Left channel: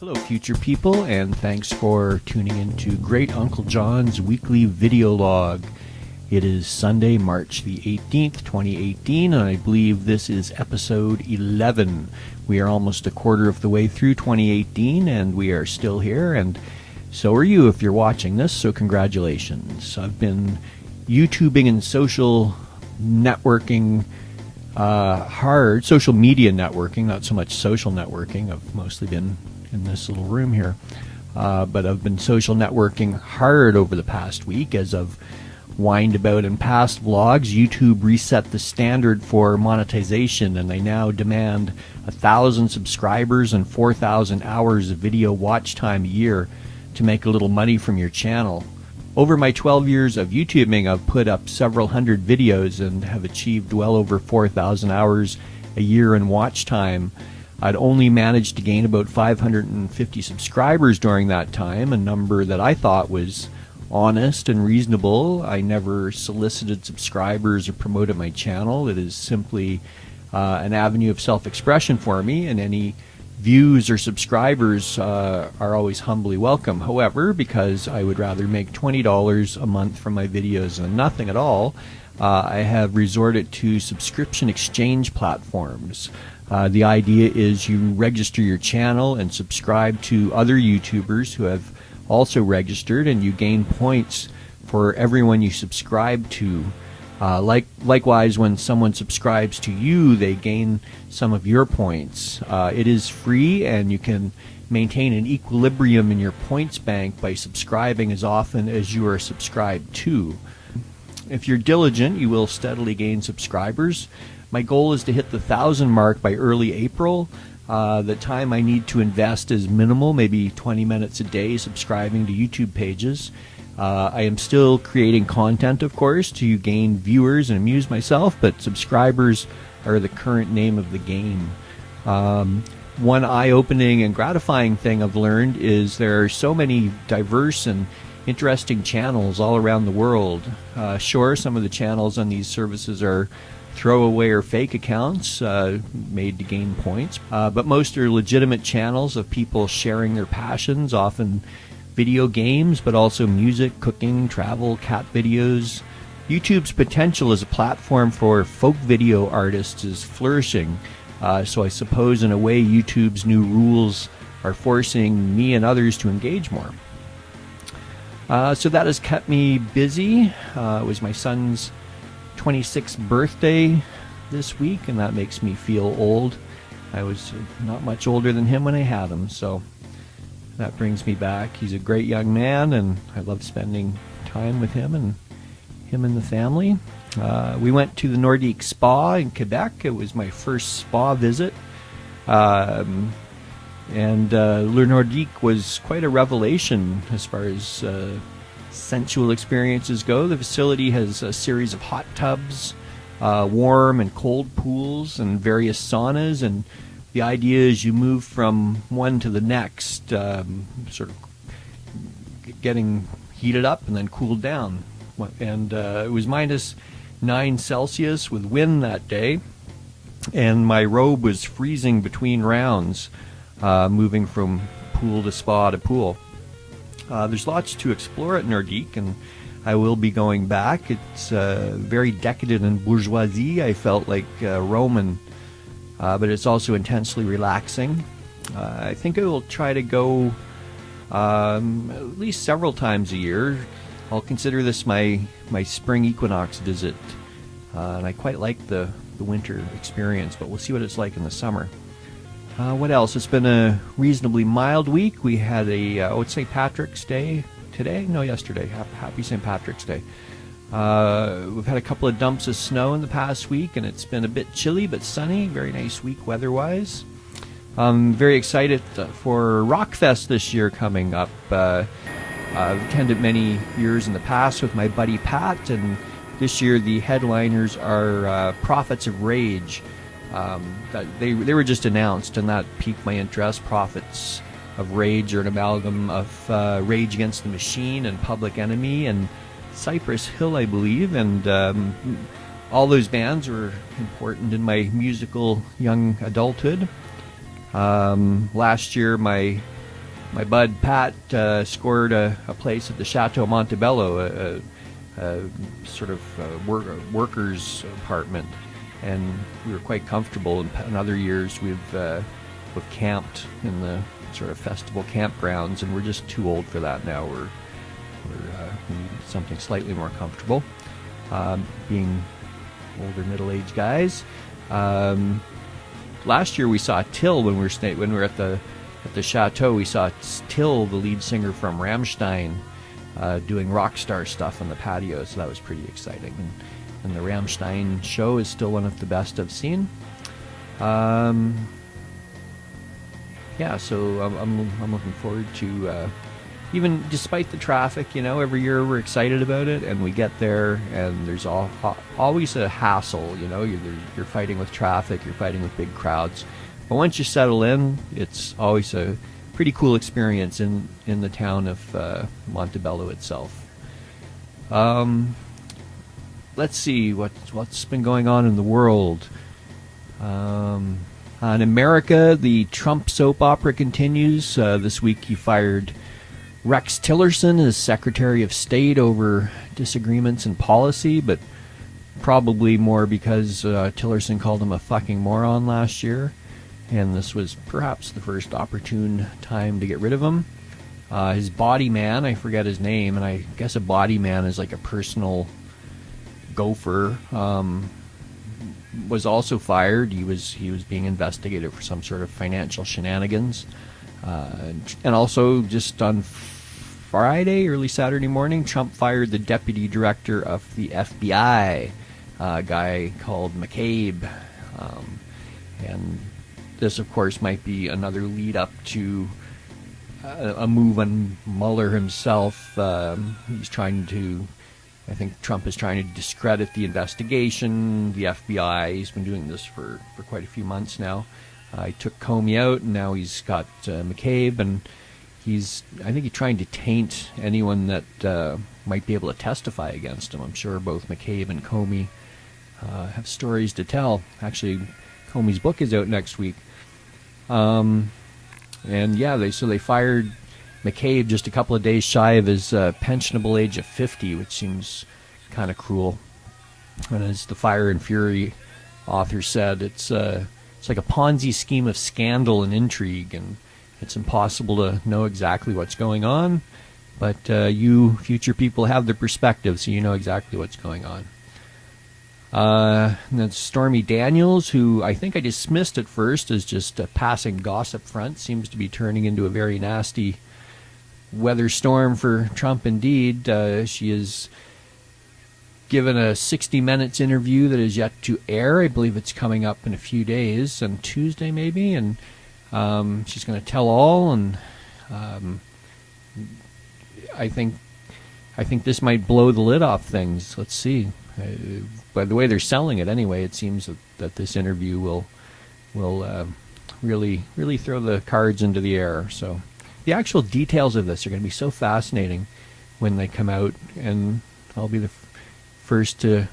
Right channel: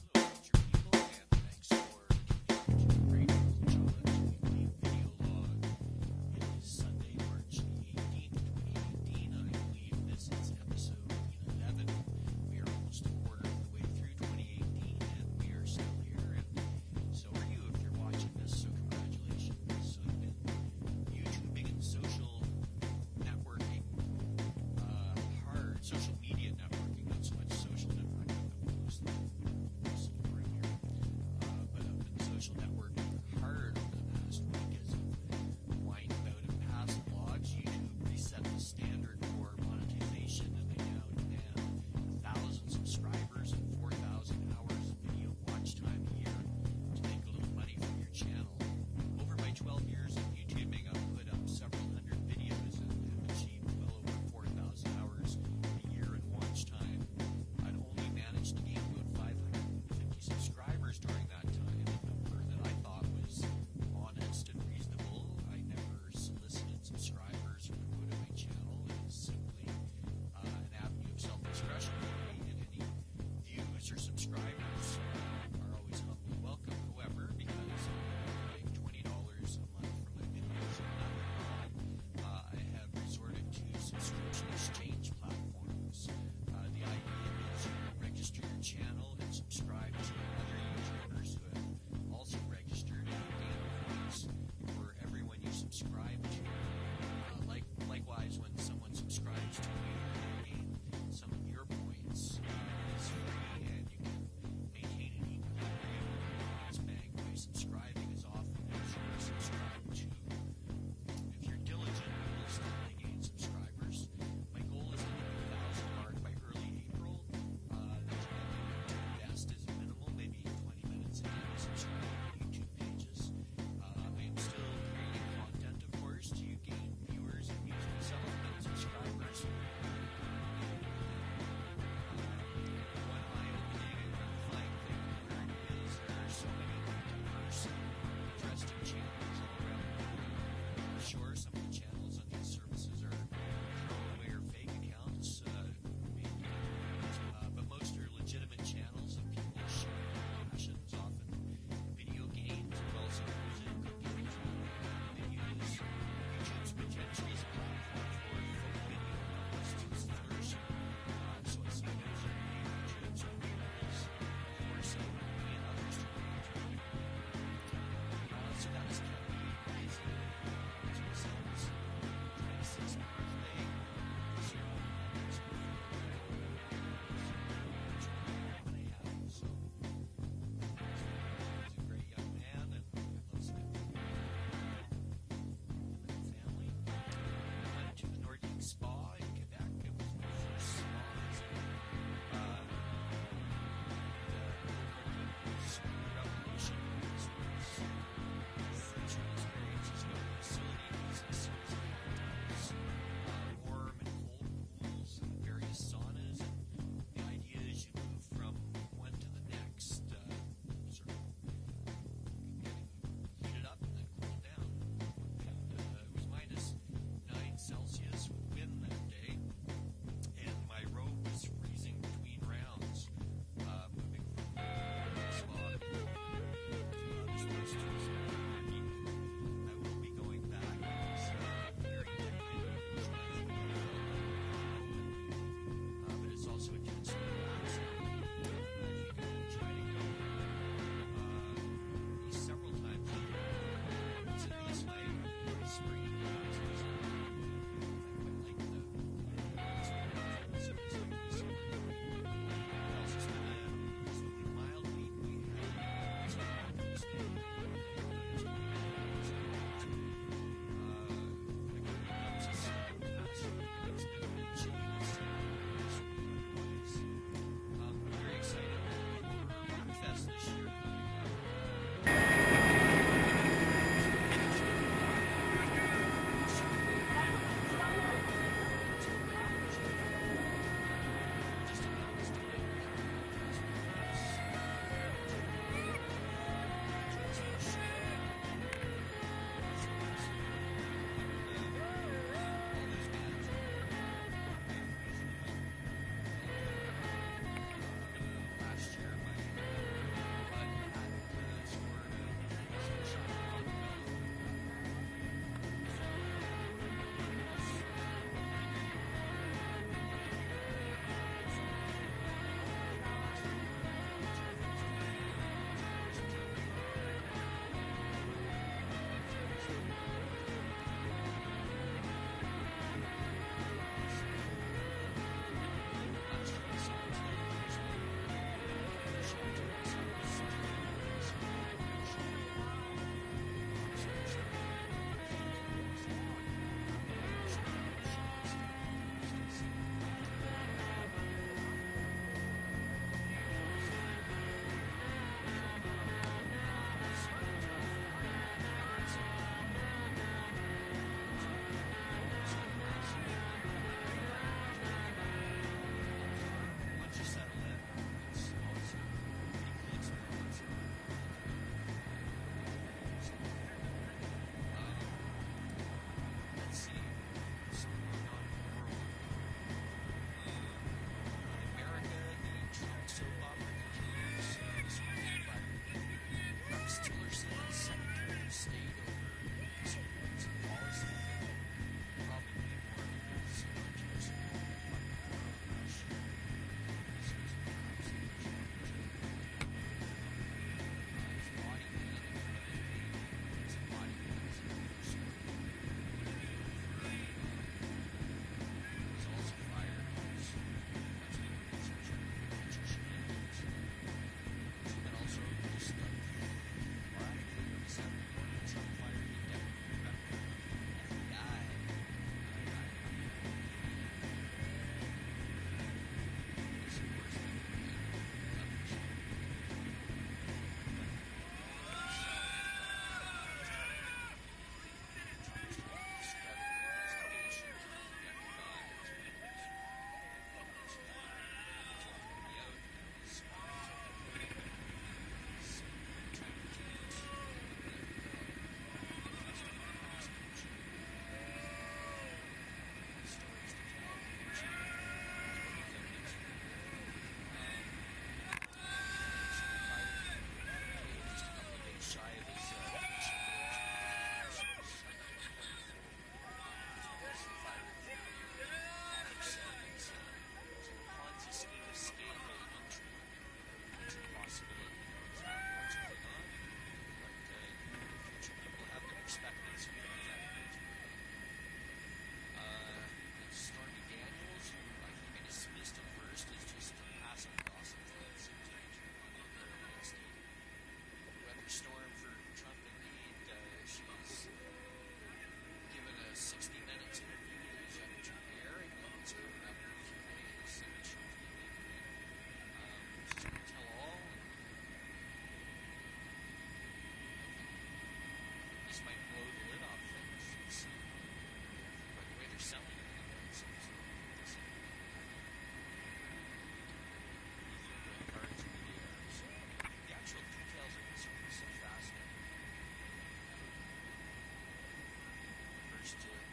Hello, future people, and thanks for tuning into Great Uncle John's weekly video log. It is Sunday, March the 18th, 2018, and I believe this is episode 11. We are almost a quarter of the way through 2018, and we are still here, and so are you if you're watching this, so congratulations. I've been YouTubing and social networking hard, social media networking, not so much social networking. I've mostly been in this little room here, but I've been social networking hard over the past week as I've whined about in past vlogs. YouTube reset the standard for monetization, and they now demand 1,000 subscribers and 4,000 hours of video watch time a year to make a little money from your channel. Over my 12 years of YouTubing, I've put up several hundred videos and have achieved well over 4,000 hours a year in watch time. I'd only managed to gain about 550 subscribers during that time, a number that I thought was honest and reasonable. I never solicited subscribers or promoted my channel. It is simply an avenue of self-expression for me, and any views or subscribers are always humbly welcome. However, because I would rather make $20 a month from my videos than nothing at all, I have resorted to subscription exchange platforms. The idea is you register your channel and subscribe to other YouTubers who have also registered, and you gain points for everyone you subscribe to. Likewise, when someone subscribes to you, they gain some of your points. It is free, and you can maintain an equilibrium in your points bank by subscribing as often as you are subscribed to. If you're diligent, you will steadily gain subscribers. My goal is to hit the 1,000 mark by early April. The time I need to invest is minimal, maybe 20 minutes a day subscribing to YouTube pages. I am still creating content, of course, to gain viewers and amuse myself, but subscribers are the current name of the game. One eye-opening and gratifying thing I've learned is there are so many diverse and interesting channels all around the world. Sure, some of the channels on these services are throwaway or fake accounts made to gain points, but most are legitimate channels of people sharing their passions, often video games, but also music, cooking, travel, cat videos. YouTube's potential as a platform for folk video artists is flourishing, so I suppose in a way YouTube's new rules are forcing me and others to engage more. So that has kept me busy. It was my son's 26th birthday this week, and that makes me feel old. I was not much older than him when I had him, so that brings me back. He's a great young man, and I love spending time with him and the family. We went to the Nordik spa in Quebec. It was my first spa visit, and Le Nordik was quite a revelation as far as sensual experiences go. The facility has a series of hot tubs, warm and cold pools, and various saunas, and the idea is you move from one to the next, sort of getting heated up and then cooled down. And it was -9 Celsius with wind that day, and my robe was freezing between rounds, moving from pool to spa to pool. There's lots to explore at Nordik, and I will be going back. It's very decadent and bourgeoisie. I felt like Roman, but it's also intensely relaxing. I think I will try to go at least several times a year. I'll consider this my spring equinox visit, and I quite like the winter experience, but we'll see what it's like in the summer. What else? It's been a reasonably mild week. We had it's St. Patrick's Day today? No, yesterday. Happy St. Patrick's Day. We've had a couple of dumps of snow in the past week, and it's been a bit chilly but sunny. Very nice week weather-wise. I'm very excited for Rockfest this year coming up. I've attended many years in the past with my buddy Pat, and this year the headliners are Prophets of Rage. They were just announced, and that piqued my interest. Prophets of Rage are an amalgam of Rage Against the Machine and Public Enemy and Cypress Hill, I believe, and all those bands were important in my musical young adulthood. Last year, my my bud Pat scored a place at the Chateau Montebello, a sort of workers' apartment, and we were quite comfortable. In other years, we've camped in the sort of festival campgrounds, and we're just too old for that now. We're something slightly more comfortable, being older middle-aged guys. Last year we saw Till when we were at the chateau. We saw Till, the lead singer from Rammstein, doing rock star stuff on the patio, so that was pretty exciting. And the Rammstein show is still one of the best I've seen. Yeah, so I'm looking forward to, even despite the traffic, every year we're excited about it, and we get there, and there's always a hassle, you're fighting with traffic, you're fighting with big crowds. But once you settle in, it's always a pretty cool experience in the town of Montebello itself. Let's see what's been going on in the world. In America, the Trump soap opera continues. This week he fired Rex Tillerson as Secretary of State over disagreements in policy, but probably more because Tillerson called him a fucking moron last year, and this was perhaps the first opportune time to get rid of him. His body man, I forget his name, and I guess a body man is like a personal gopher, was also fired. He was being investigated for some sort of financial shenanigans. And also, just on Friday, early Saturday morning, Trump fired the deputy director of the FBI, a guy called McCabe. And this, of course, might be another lead up to a move on Mueller himself. I think Trump is trying to discredit the investigation, the FBI. He's been doing this for quite a few months now. He took Comey out, and now he's got McCabe, and I think he's trying to taint anyone that might be able to testify against him. I'm sure both McCabe and Comey have stories to tell. Actually, Comey's book is out next week. And yeah, they fired McCabe just a couple of days shy of his pensionable age of 50, which seems kind of cruel. And as the Fire and Fury author said, it's like a Ponzi scheme of scandal and intrigue, and it's impossible to know exactly what's going on, but you future people have the perspective, so you know exactly what's going on. And then Stormy Daniels, who I think I dismissed at first as just a passing gossip front, seems to be turning into a very nasty weather storm for Trump indeed. She is given a 60 Minutes interview that is yet to air. I believe it's coming up in a few days, on Tuesday maybe, and she's going to tell all, and I think this might blow the lid off things. Let's see. By the way they're selling it anyway, it seems that this interview will really throw the cards into the air. So the actual details of this are going to be so fascinating when they come out, and I'll be the first to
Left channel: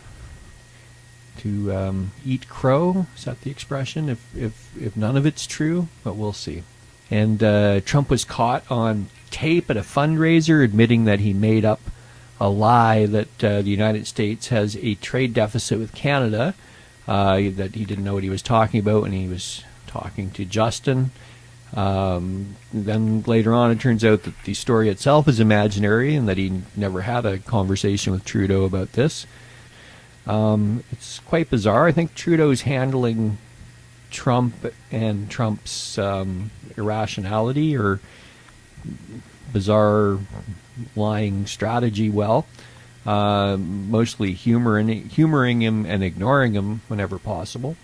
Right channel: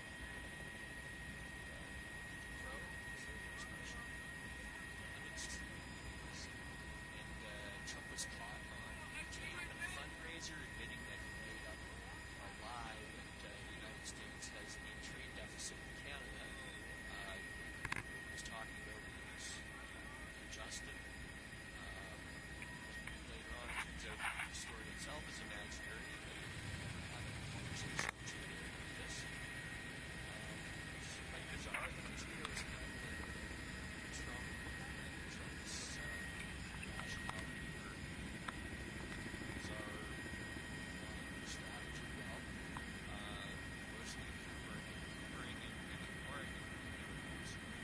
eat crow. Is that the expression? If none of it's true, but we'll see. And Trump was caught on tape at a fundraiser admitting that he made up a lie that the United States has a trade deficit with Canada, that he didn't know what he was talking about when he was talking to Justin. Then later on it turns out that the story itself is imaginary and that he never had a conversation with Trudeau about this. It's quite bizarre. I think Trudeau's handling Trump and Trump's irrationality or bizarre lying strategy well, mostly humoring him and ignoring him whenever possible.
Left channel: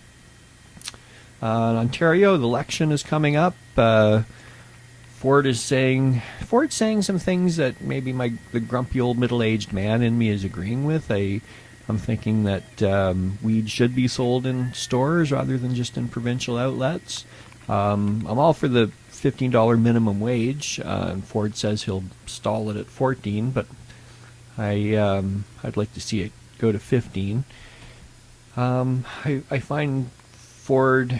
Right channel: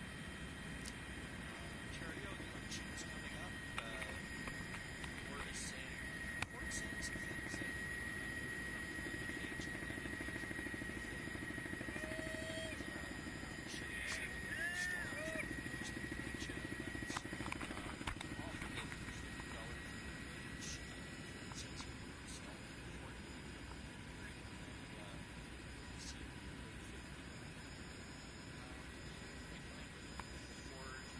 In Ontario, the election is coming up. Ford's saying some things that maybe the grumpy old middle-aged man in me is agreeing with. I'm thinking that weed should be sold in stores rather than just in provincial outlets. I'm all for the $15 minimum wage. Ford says he'll stall it at $14, but I'd like to see it go to $15. I find Ford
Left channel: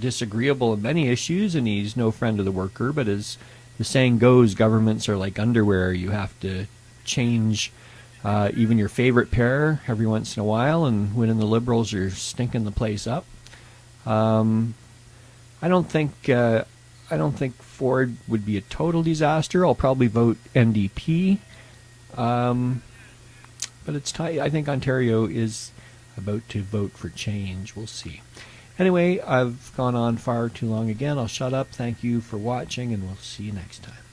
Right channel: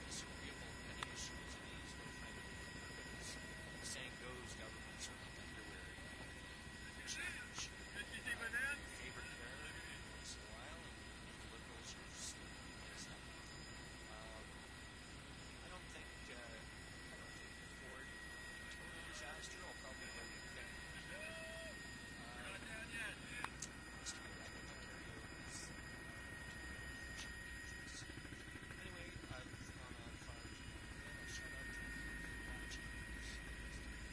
disagreeable in many issues, and he's no friend of the worker, but as the saying goes, governments are like underwear. You have to change even your favorite pair every once in a while, and when the Liberals are stinking the place up. I don't think Ford would be a total disaster. I'll probably vote NDP. But it's tight. I think Ontario is about to vote for change. We'll see. Anyway, I've gone on far too long again. I'll shut up. Thank you for watching, and we'll see you next time.